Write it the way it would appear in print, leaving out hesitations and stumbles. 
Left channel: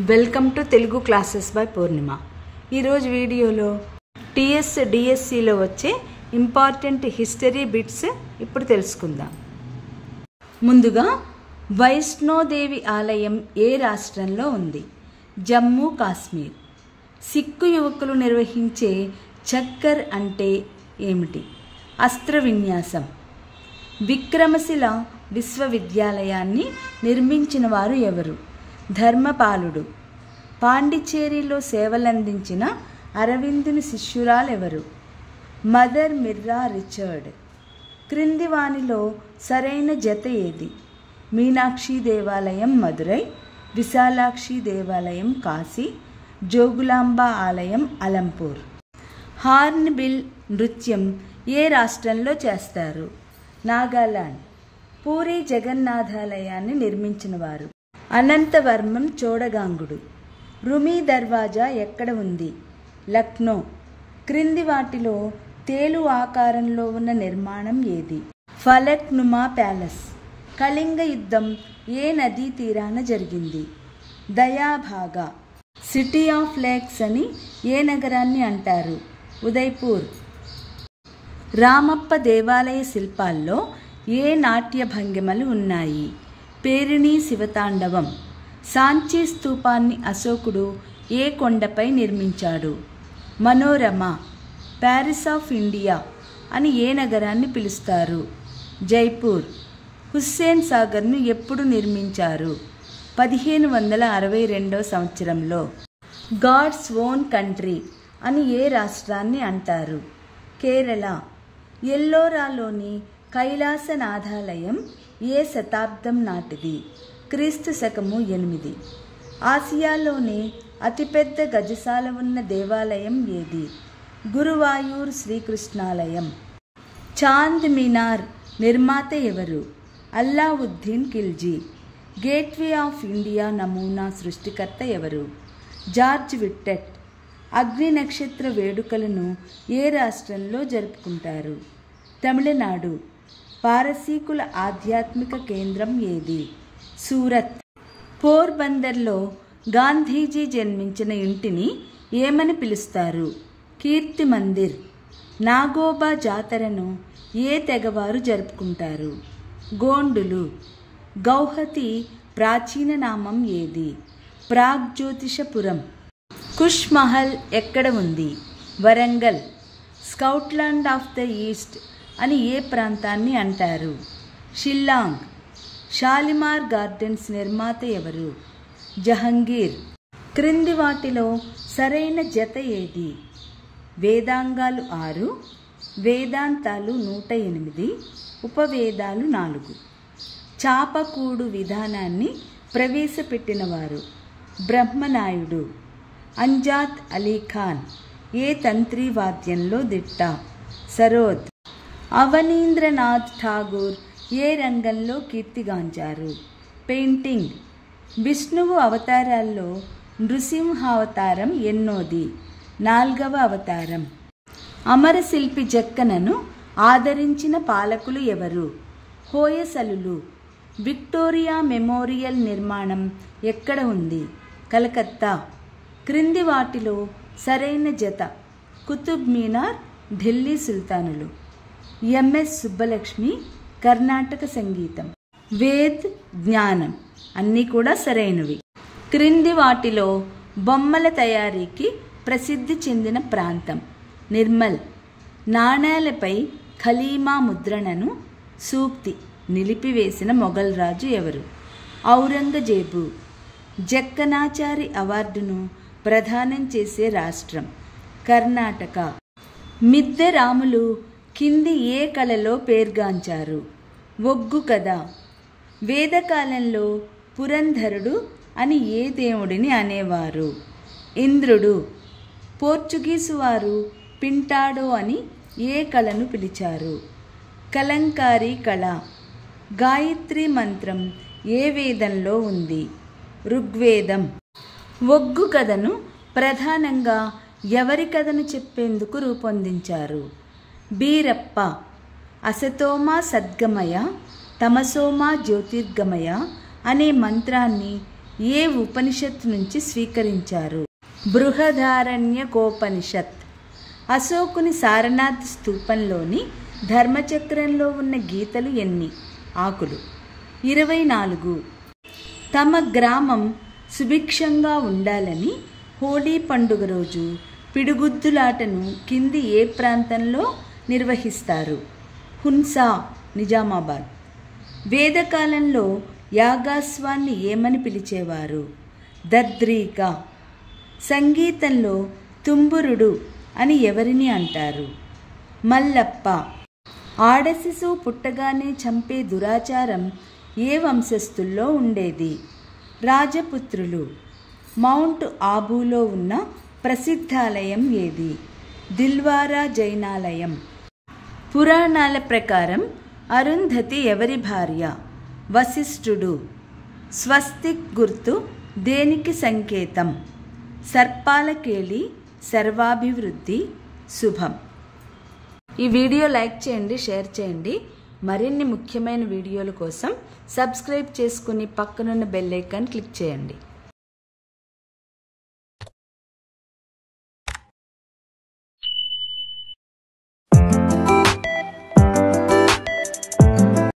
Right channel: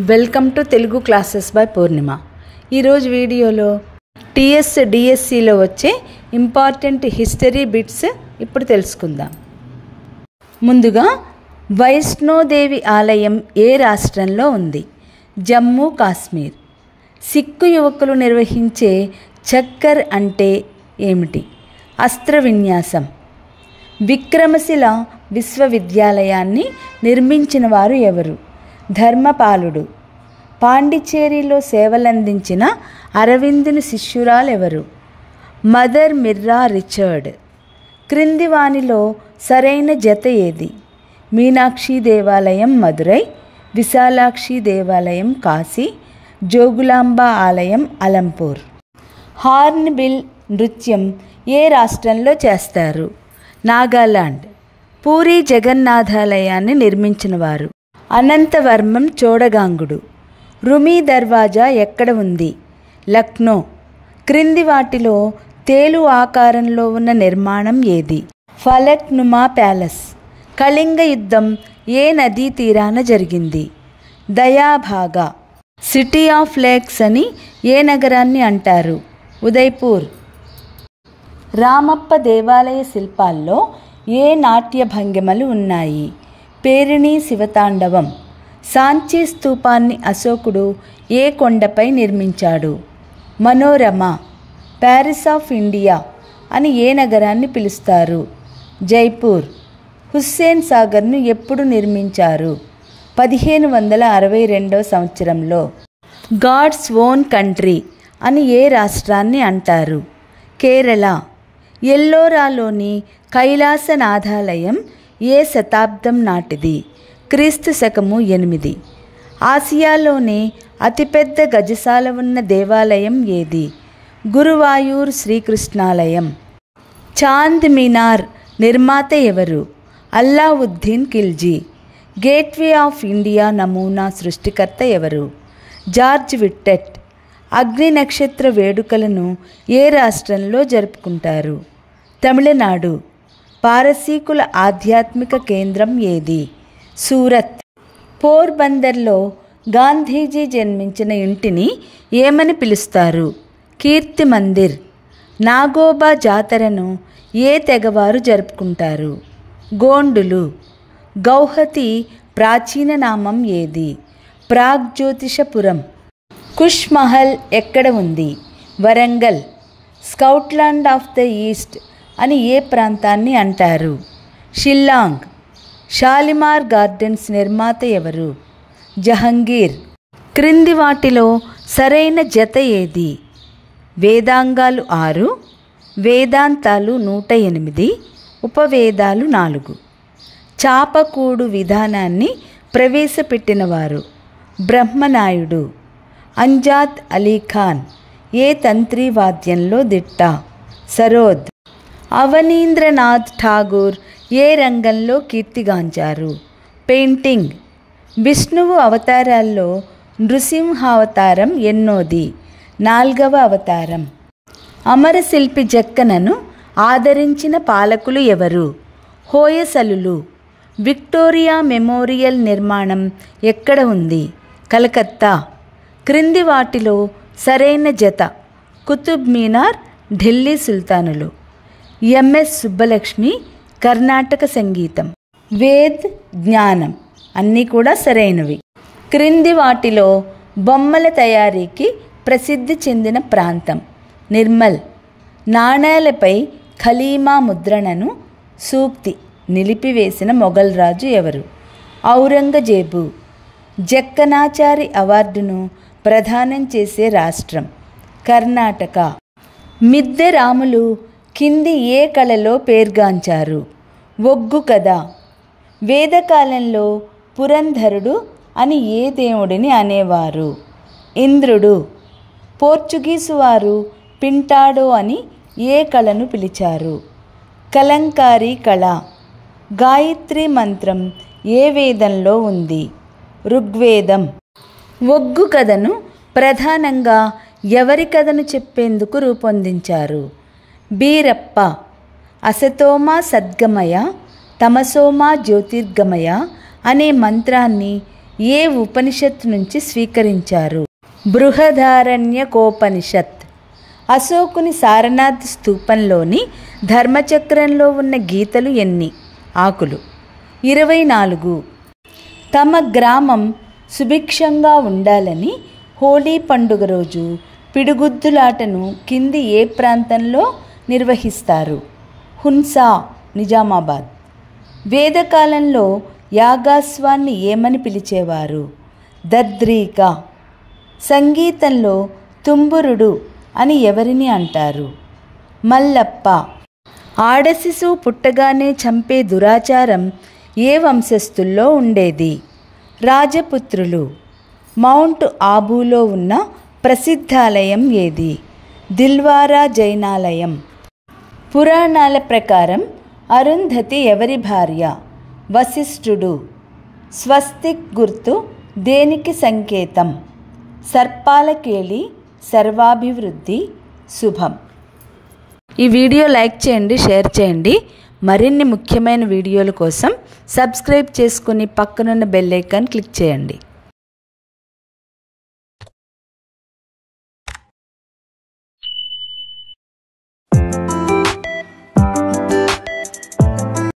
Welcome to Telugu classes by Purnima. ఈరోజు వీడియోలో డిఎస్సిలో వచ్చే ఇంపార్టెంట్ హిస్టరీ బిట్స్ ఇప్పుడు తెలుసుకుందాం. ముందుగా, వైష్ణోదేవి ఆలయం ఏ రాష్ట్రంలో ఉంది? జమ్మూ కాశ్మీర్. సిక్కు యువకులు నిర్వహించే చక్కర్ అంటే ఏమిటి? అస్త్ర విన్యాసం. విక్రమశిల విశ్వవిద్యాలయాన్ని నిర్మించిన వారు ఎవరు? ధర్మపాలుడు. పాండిచ్చేరిలో సేవలందించిన అరవిందుని శిష్యురాలెవరు? Mother మిర్రా Richard. క్రింది వానిలో సరైన జత ఏది? మీనాక్షి దేవాలయం మదురై, విశాలాక్షి దేవాలయం కాశీ, జోగులాంబ ఆలయం అలంపూర్. హార్న్బిల్ నృత్యం ఏ రాష్ట్రంలో చేస్తారు? నాగాలాండ్. పూరి జగన్నాథాలయాన్ని నిర్మించినవారు? అనంతవర్మం చోడగాంగుడు. రుమీ దర్వాజా ఎక్కడ ఉంది? లక్నో. క్రింది వాటిలో తేలు ఆకారంలో ఉన్న నిర్మాణం ఏది? ఫలక్ నుమా ప్యాలెస్. కళింగ యుద్ధం ఏ నదీ తీరాన జరిగింది? దయాభాగా. సిటీ ఆఫ్ లేక్స్ అని ఏ నగరాన్ని అంటారు? ఉదయ్పూర్. రామప్ప దేవాలయ శిల్పాల్లో ఏ నాట్య భంగిమలు ఉన్నాయి? పేరిణి శివతాండవం. సాంచీ స్తూపాన్ని అశోకుడు ఏ కొండపై నిర్మించాడు? మనోరమ. ప్యారిస్ ఆఫ్ ఇండియా అని ఏ నగరాన్ని పిలుస్తారు? జైపూర్. హుస్సేన్ సాగర్ను ఎప్పుడు నిర్మించారు? 1562 సంవత్సరంలో. గాడ్స్ ఓన్ కంట్రీ అని ఏ రాష్ట్రాన్ని అంటారు? కేరళ. ఎల్లోరాలోని కైలాసనాథాలయం ఏ శతాబ్దం నాటిది? క్రీస్తు శకము 8. ఆసియాలోనే అతిపెద్ద గజశాల ఉన్న దేవాలయం ఏది? గురువాయూర్ శ్రీకృష్ణాలయం. చాంద్ మినార్ నిర్మాత ఎవరు? Alauddin Khilji. Gateway of India నమూనా సృష్టికర్త ఎవరు? George Wittet. అగ్ని నక్షత్ర వేడుకలను ఏ రాష్ట్రంలో జరుపుకుంటారు? తమిళనాడు. పారసీకుల ఆధ్యాత్మిక కేంద్రం ఏది? సూరత్. పోర్బందర్లో గాంధీజీ జన్మించిన ఇంటిని ఏమని పిలుస్తారు? కీర్తి మందిర్. నాగోబా జాతరను ఏ తెగవారు జరుపుకుంటారు? గోండులు. గౌహతి ప్రాచీన నామం ఏది? ప్రాగ్జ్యోతిషపురం. కుష్ మహల్ ఎక్కడ ఉంది? వరంగల్. స్కౌట్లాండ్ ఆఫ్ ద ఈస్ట్ అని ఏ ప్రాంతాన్ని అంటారు? షిల్లాంగ్. షాలిమార్ గార్డెన్స్ నిర్మాత ఎవరు? జహంగీర్. క్రింది వాటిలో సరైన జత ఏది? వేదాంగాలు 6, వేదాంతాలు 108, ఉపవేదాలు 4. చాపకూడు విధానాన్ని ప్రవేశపెట్టినవారు? బ్రహ్మనాయుడు. అంజాద్ అలీఖాన్ ఏ తంత్రి వాద్యంలో దిట్ట? సరోద్. అవనీంద్రనాథ్ ఠాగూర్ ఏ రంగంలో కీర్తిగాంచారు? పెయింటింగ్. విష్ణువు అవతారాల్లో నృసింహావతారం ఎన్నోది? 4వ అవతారం. అమరశిల్పి జక్కనను ఆదరించిన పాలకులు ఎవరు? హోయసలులు. విక్టోరియా మెమోరియల్ నిర్మాణం ఎక్కడ ఉంది? కలకత్తా. క్రింది వాటిలో సరైన జత? కుతుబ్ మీనార్, ఢిల్లీ సుల్తానులు. ఎంఎస్ సుబ్బలక్ష్మి. కర్ణాటక సంగీతం. వేద్, జ్ఞానం అన్నీ కూడా సరైనవి. క్రింది వాటిలో బొమ్మల తయారీకి ప్రసిద్ధి చెందిన ప్రాంతం? నిర్మల్. నాణేలపై ఖలీమా ముద్రణను సూక్తి నిలిపివేసిన మొఘల్ రాజు ఎవరు? ఔరంగజేబు. జక్కనాచారి అవార్డును ప్రదానం చేసే రాష్ట్రం? కర్ణాటక. మిద్దె రాములు కింది ఏ కళలో పేర్గాంచారు? ఒగ్గు కథ. వేదకాలంలో పురంధరుడు అని ఏ దేవుడిని అనేవారు? ఇంద్రుడు. పోర్చుగీసు వారు పింటాడో అని ఏ కళను పిలిచారు? కలంకారీ కళ. గాయత్రి మంత్రం ఏ వేదంలో ఉంది? ఋగ్వేదం. ఒగ్గు కథను ప్రధానంగా ఎవరి కథను చెప్పేందుకు రూపొందించారు? బీరప్ప. అసతోమా సద్గమయ, తమసోమా జ్యోతిర్గమయ అనే మంత్రాన్ని ఏ ఉపనిషత్తు నుంచి స్వీకరించారు? బృహదారణ్యకోపనిషత్. అశోకుని సారనాథ్ స్తూపంలోని ధర్మచక్రంలో ఉన్న గీతలు ఎన్ని? ఆకులు. 24. తమ గ్రామం సుభిక్షంగా ఉండాలని హోలీ పండుగ రోజు పిడుగుద్దులాటను కింది ఏ ప్రాంతంలో నిర్వహిస్తారు? హున్సా, నిజామాబాద్. వేదకాలంలో యాగాశ్వాన్ని ఏమని పిలిచేవారు? దద్రీక. సంగీతంలో తుంబురుడు అని ఎవరిని అంటారు? మల్లప్ప. ఆడశిశువు పుట్టగానే చంపే దురాచారం ఏ వంశస్థుల్లో ఉండేది? రాజపుత్రులు. మౌంట్ ఆబూలో ఉన్న ప్రసిద్ధాలయం ఏది? దిల్వారా జైనాలయం. పురాణాల ప్రకారం అరుంధతి ఎవరి భార్య? వశిష్ఠుడు. స్వస్తిక్ గుర్తు దేనికి సంకేతం? సర్పాల కేళి, సర్వాభివృద్ధి, శుభం. ఈ వీడియో లైక్ చేయండి, షేర్ చేయండి. మరిన్ని ముఖ్యమైన వీడియోల కోసం సబ్స్క్రైబ్ చేసుకుని పక్కనున్న బెల్ ఐకాన్ క్లిక్ చేయండి.